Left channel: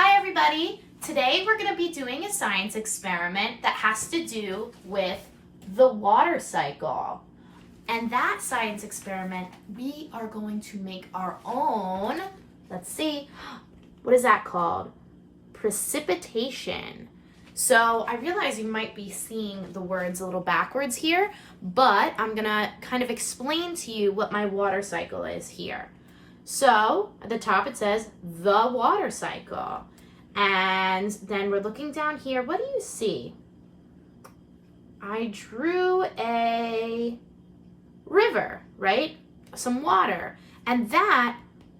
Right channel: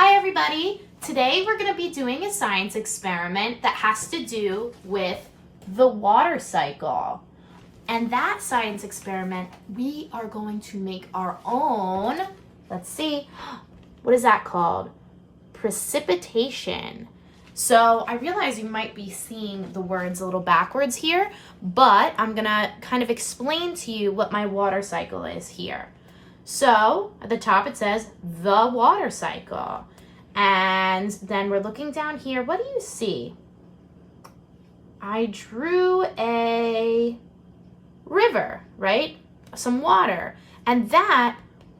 Hi everybody! Today we're going to be doing a science experiment that has to do with the water cycle. And that science experiment, we are going to make our own, let's see, what is that called? Precipitation. So I realize you might be seeing the words a little backwards here, but I'm going to kind of explain to you what my water cycle is here. So at the top it says the water cycle. And then we're looking down here. What do you see? I drew a river, right? Some water. And that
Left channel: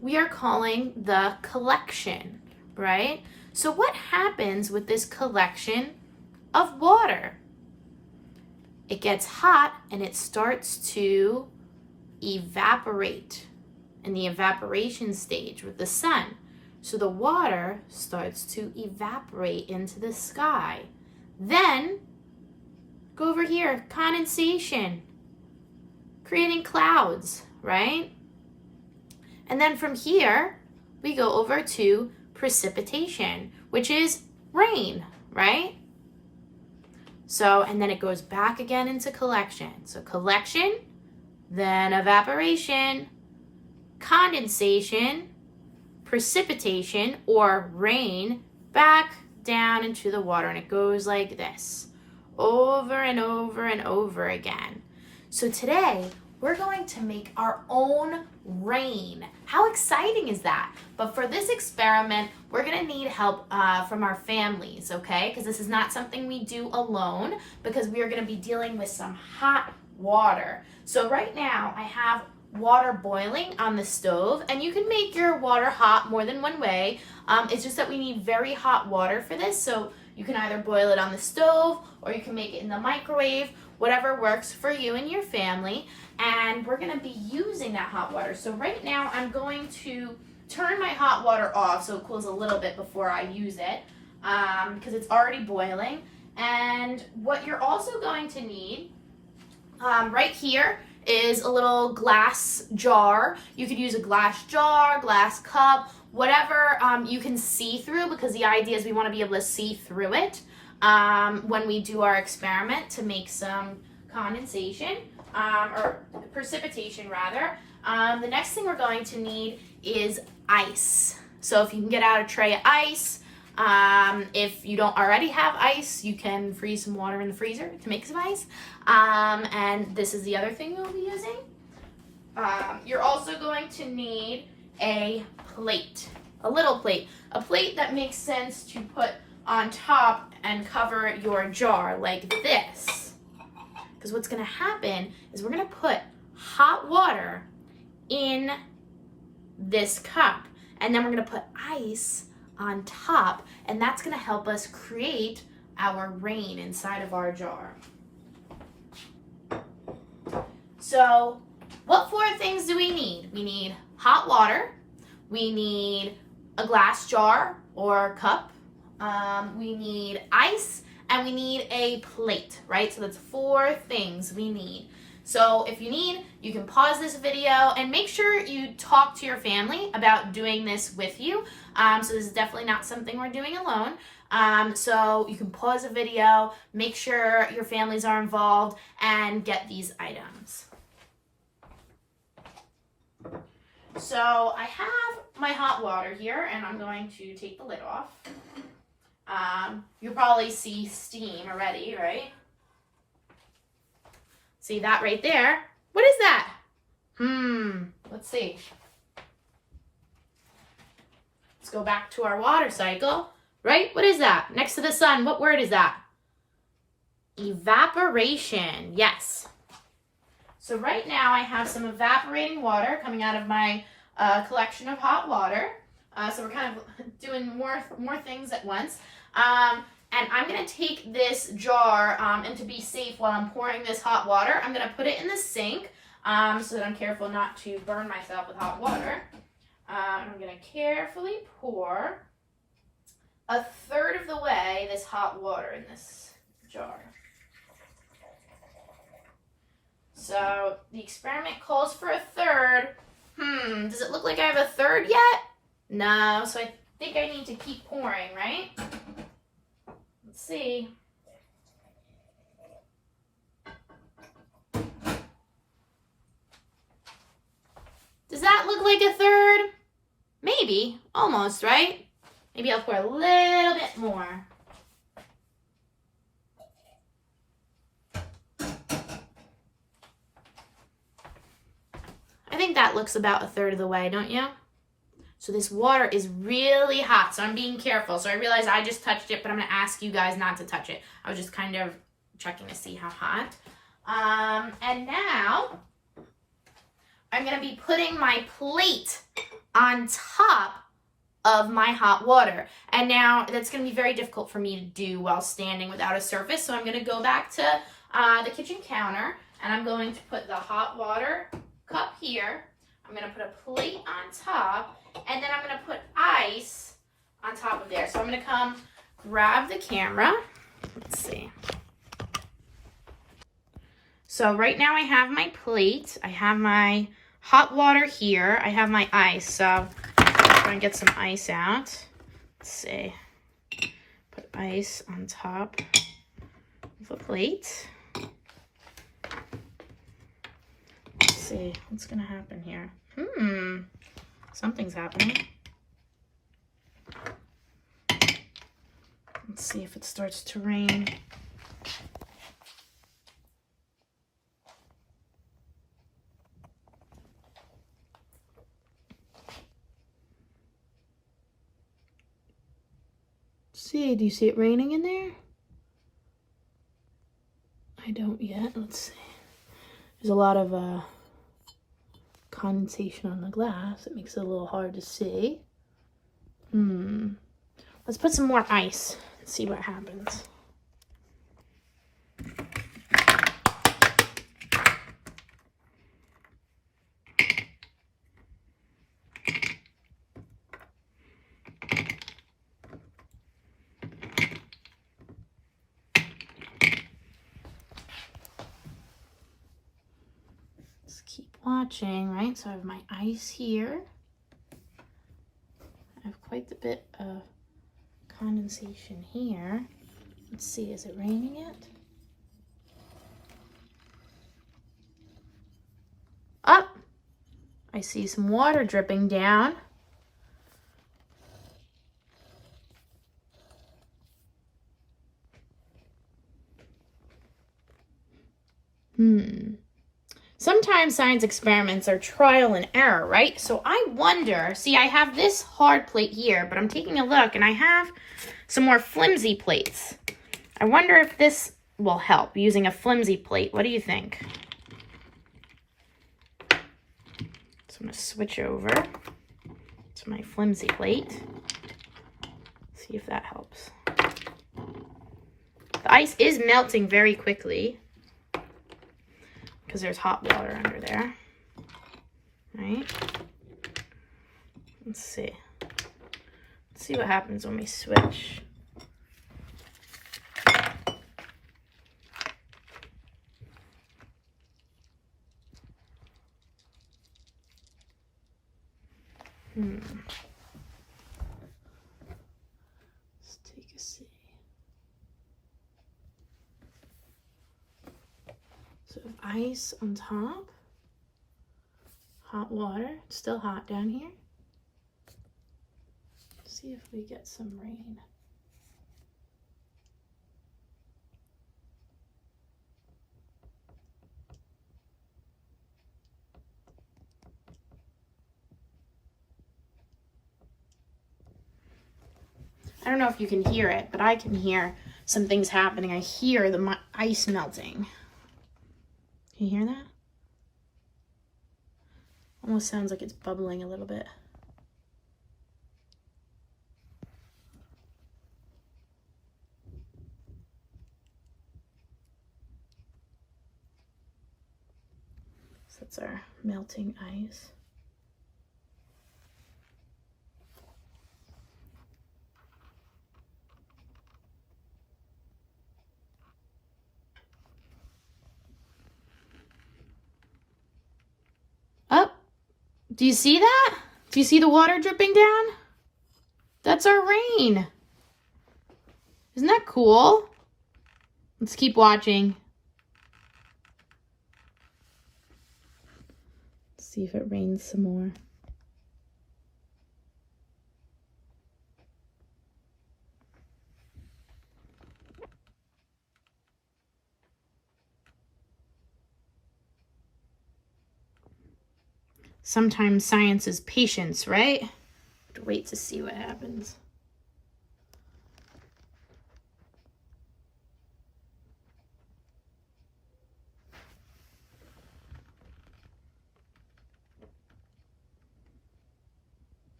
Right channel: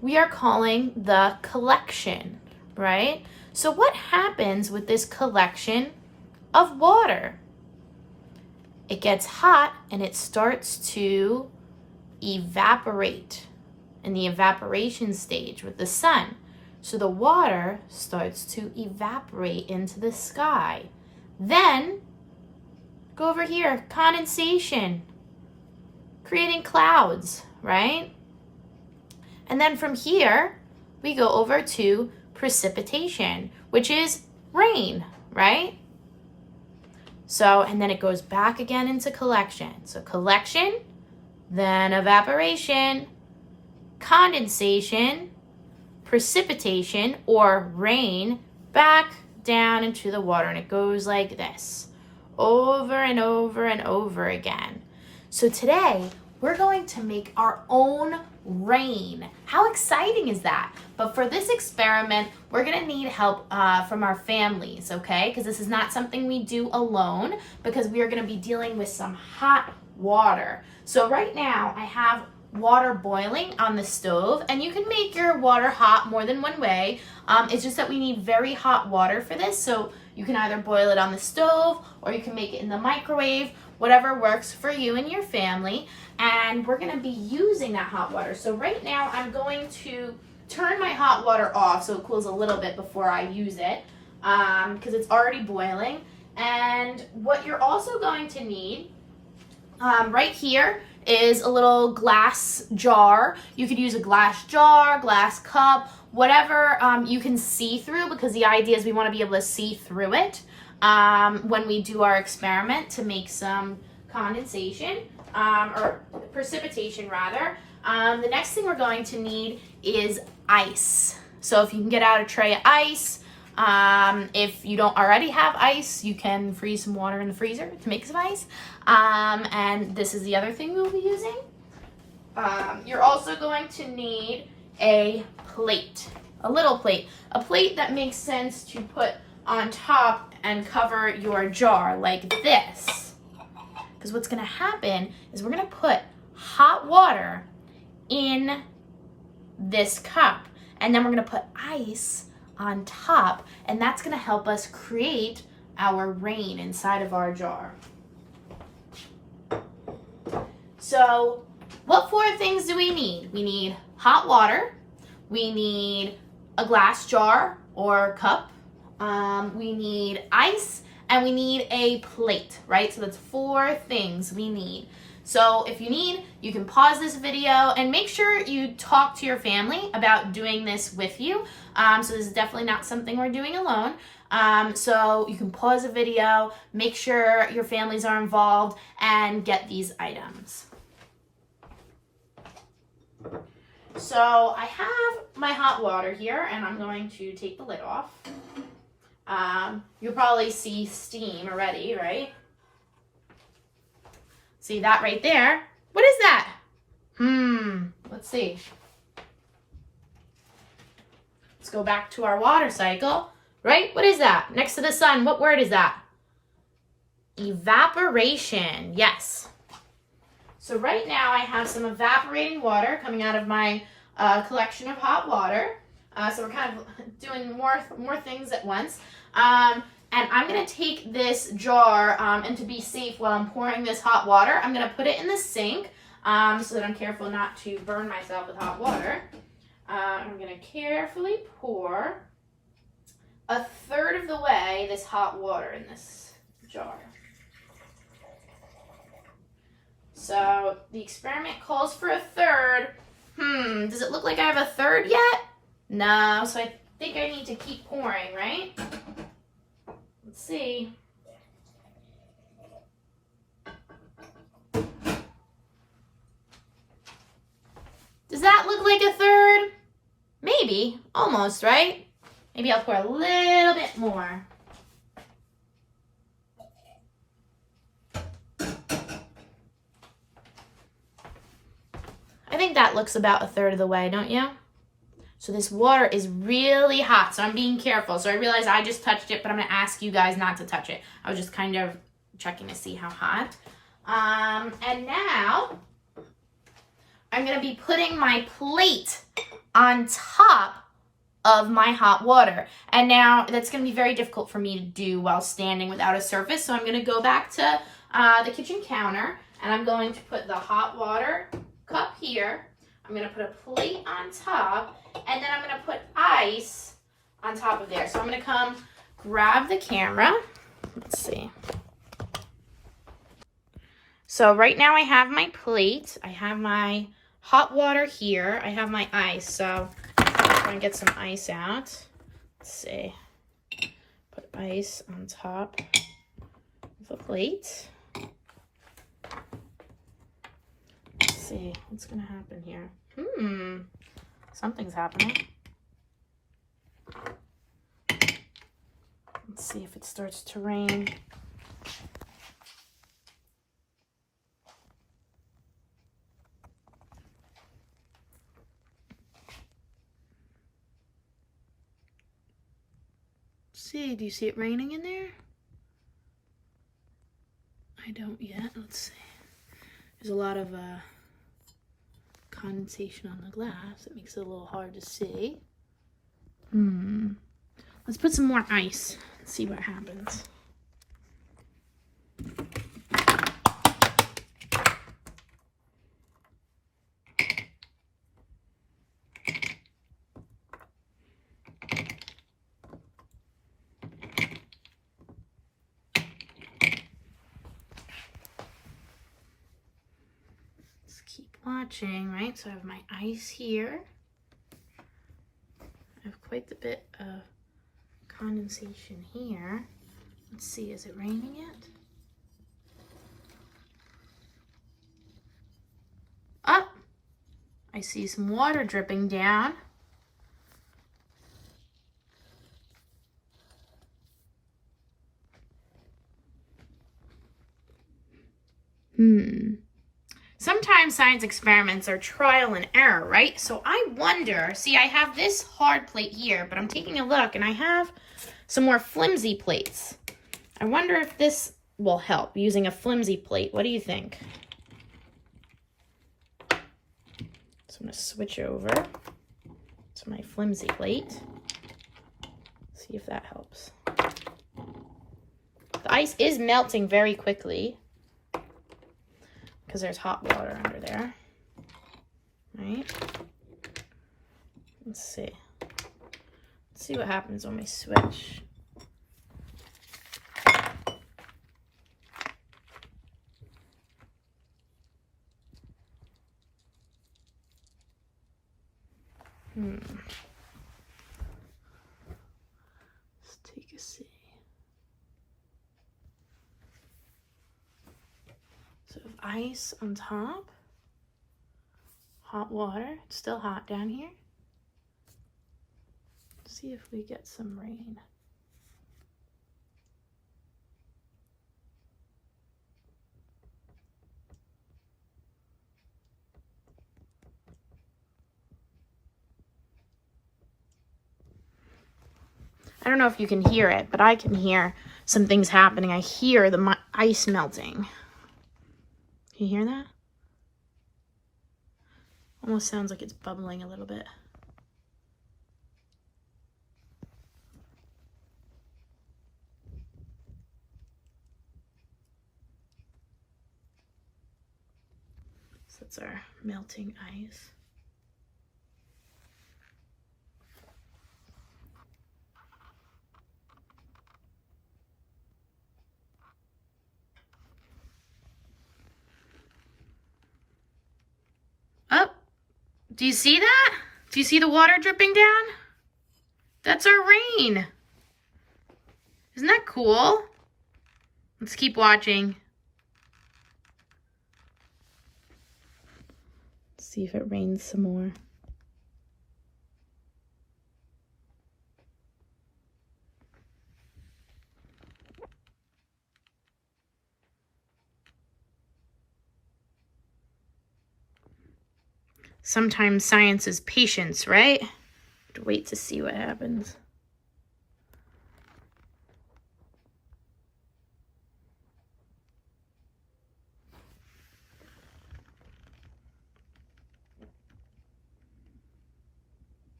we are calling the collection, right? So what happens with this collection of water? It gets hot and it starts to evaporate in the evaporation stage with the sun. So the water starts to evaporate into the sky. Then, go over here, condensation, creating clouds, right? And then from here, we go over to precipitation, which is rain, right? So, and then it goes back again into collection. So collection, then evaporation, condensation, precipitation or rain, back down into the water, and it goes like this over and over and over again. So today we're going to make our own rain. How exciting is that? But for this experiment, we're gonna need help from our families, okay? Because this is not something we do alone, because we are gonna be dealing with some hot water. So right now I have water boiling on the stove, and you can make your water hot more than one way. It's just that we need very hot water for this, so you can either boil it on the stove or you can make it in the microwave, whatever works for you and your family. And we're going to be using that hot water. So right now I'm going to turn my hot water off so it cools a little bit before I use it, because it's already boiling. And what you're also going to need right here is a little glass jar. You could use a glass jar, glass cup, whatever you can see through, because the idea is we want to be able to see through it when we do our experiment to make some condensation or precipitation rather. The next thing we're going to need is ice. So if you can get out a tray of ice, if you don't already have ice, you can freeze some water in the freezer to make some ice. And this is the other thing we'll be using. You're also going to need a plate, a little plate, a plate that makes sense to put on top and cover your jar like this. Because what's going to happen is we're going to put hot water in this cup, and then we're going to put ice on top, and that's going to help us create our rain inside of our jar. So what 4 things do we need? We need hot water, we need a glass jar or cup, we need ice, and we need a plate, right? So that's 4 things we need. So if you need, you can pause this video and make sure you talk to your family about doing this with you. So this is definitely not something we're doing alone. So you can pause the video, make sure your families are involved, and get these items. So I have my hot water here, and I'm going to take the lid off. You'll probably see steam already, right? See that right there? What is that? Let's see. Let's go back to our water cycle, right? What is that? Next to the sun, what word is that? Evaporation, yes. So right now I have some evaporating water coming out of my collection of hot water. So we're kind of doing more things at once. And I'm going to take this jar, and to be safe while I'm pouring this hot water, I'm going to put it in the sink so that I'm careful not to burn myself with hot water. I'm going to carefully pour 1/3 of the way this hot water in this jar. So the experiment calls for 1/3. Does it look like I have 1/3 yet? No, so I think I need to keep pouring, right? Let's see. Does that look like a third? Maybe, almost, right? Maybe I'll pour a little bit more. I think that looks about a third of the way, don't you? So this water is really hot, so I'm being careful. So I realize I just touched it, but I'm gonna ask you guys not to touch it. I was just kind of checking to see how hot. And now I'm gonna be putting my plate on top of my hot water. And now that's gonna be very difficult for me to do while standing without a surface. So I'm gonna go back to the kitchen counter and I'm going to put the hot water cup here. I'm gonna put a plate on top and then I'm gonna put ice on top of there. So I'm gonna come grab the camera. Let's see. So right now I have my plate. I have my hot water here. I have my ice. So I'm going to get some ice out. Let's see. Put ice on top of the plate. Let's see what's going to happen here. Something's happening. Let's see if it starts to rain. See, do you see it raining in there? I don't yet. Let's see. There's a lot of condensation on the glass. It makes it a little hard to see. Let's put some more ice and see what happens. Keep watching, right? So I have my ice here. I have quite a bit of condensation here. Let's see, is it raining yet? Oh, I see some water dripping down. Sometimes science experiments are trial and error, right? So I wonder, see, I have this hard plate here, but I'm taking a look and I have some more flimsy plates. I wonder if this will help using a flimsy plate. What do you think? So I'm gonna switch over to my flimsy plate. See if that helps. The ice is melting very quickly, because there's hot water under there, right? Let's see. Let's see what happens when we switch. Let's take a see. So ice on top, hot water, it's still hot down here. Let's see if we get some rain. I don't know if you can hear it, but I can hear some things happening. I hear the ice melting. Can you hear that? Almost sounds like it's bubbling a little bit. So that's our melting ice. Do you see that? Do you see the water dripping down? That's our rain. Isn't that cool? Let's keep watching. Let's see if it rains some more. Sometimes science is patience, right? Have to wait to see what happens.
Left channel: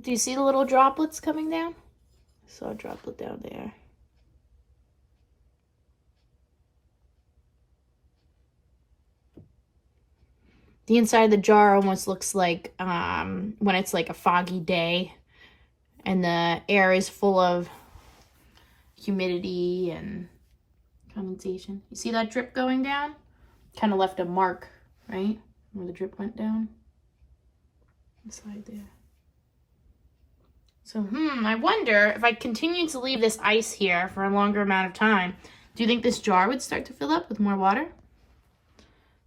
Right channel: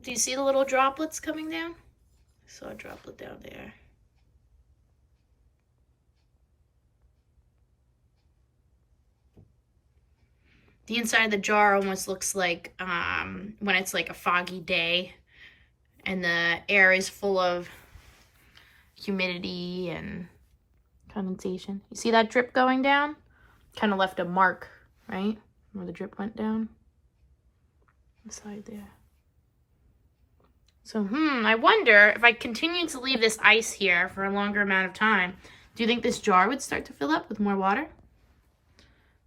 Do you see the little droplets coming down? I saw a droplet down there. The inside of the jar almost looks like when it's like a foggy day and the air is full of humidity and condensation. You see that drip going down? Kind of left a mark, right? Where the drip went down. Inside there. So, I wonder if I continue to leave this ice here for a longer amount of time, do you think this jar would start to fill up with more water?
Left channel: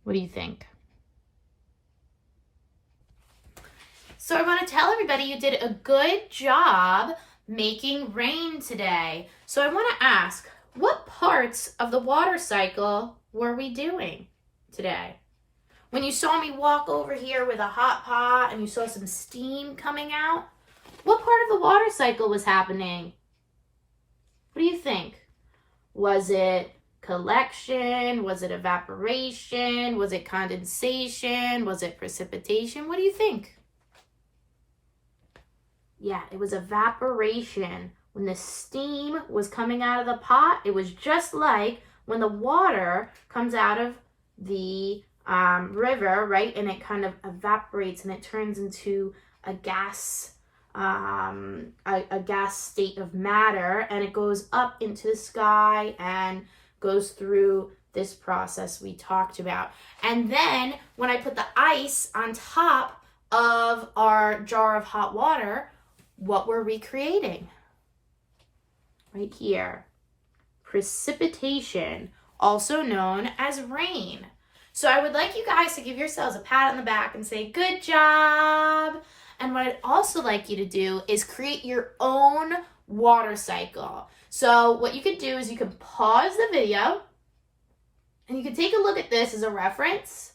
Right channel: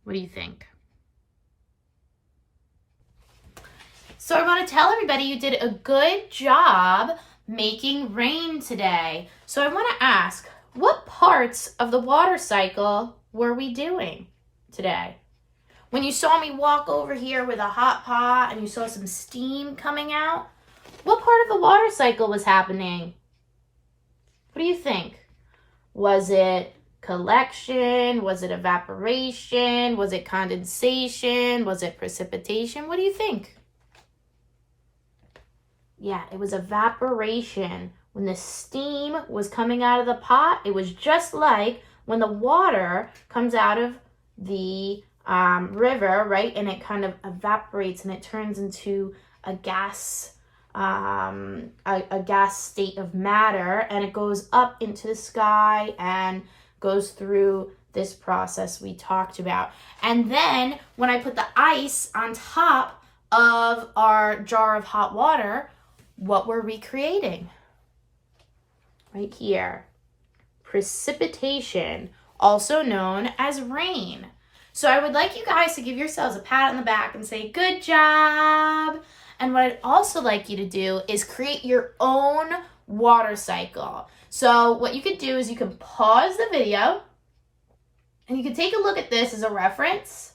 What do you think? So I want to tell everybody you did a good job making rain today. So I want to ask, what parts of the water cycle were we doing today? When you saw me walk over here with a hot pot and you saw some steam coming out, what part of the water cycle was happening? What do you think? Was it collection? Was it evaporation? Was it condensation? Was it precipitation? What do you think? Yeah, it was evaporation. When the steam was coming out of the pot, it was just like when the water comes out of the river, right? And it kind of evaporates and it turns into a gas state of matter, and it goes up into the sky and goes through this process we talked about. And then when I put the ice on top of our jar of hot water, what were we creating? Right here. Precipitation, also known as rain. So I would like you guys to give yourselves a pat on the back and say, good job. And what I'd also like you to do is create your own water cycle. So what you could do is you can pause the video and you can take a look at this as a reference.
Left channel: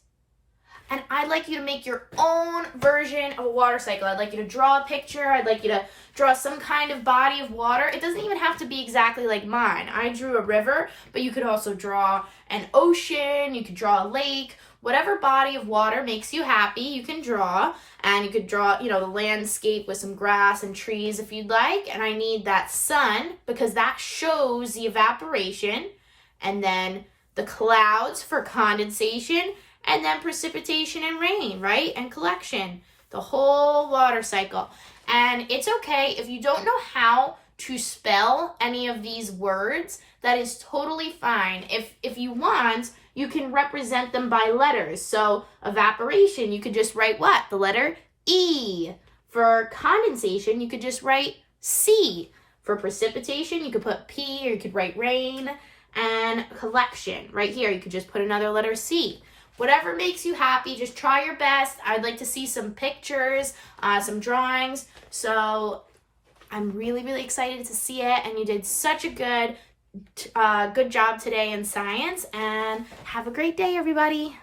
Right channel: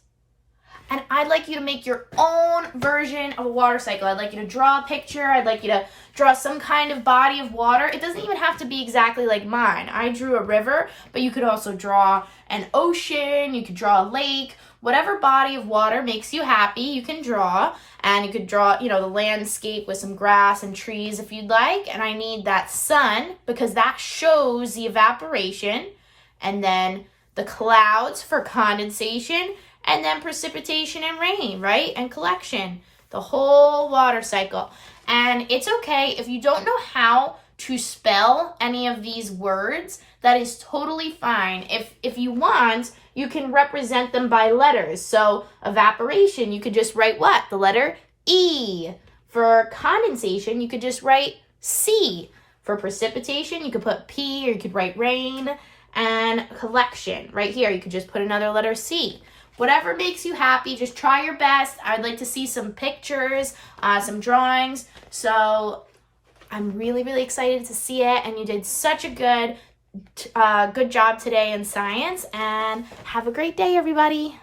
And I'd like you to make your own version of a water cycle. I'd like you to draw a picture. I'd like you to draw some kind of body of water. It doesn't even have to be exactly like mine. I drew a river, but you could also draw an ocean. You could draw a lake. Whatever body of water makes you happy, you can draw. And you could draw, the landscape with some grass and trees if you'd like. And I need that sun because that shows the evaporation. And then the clouds for condensation. And then precipitation and rain, right? And collection. The whole water cycle. And it's okay if you don't know how to spell any of these words. That is totally fine. If you want, you can represent them by letters. So evaporation, you could just write what? The letter E. For condensation, you could just write C. For precipitation, you could put P, or you could write rain. And collection, right here, you could just put another letter C. Whatever makes you happy, just try your best. I'd like to see some pictures, some drawings. So I'm really, really excited to see it. And you did such a good job today in science. And have a great day, everybody.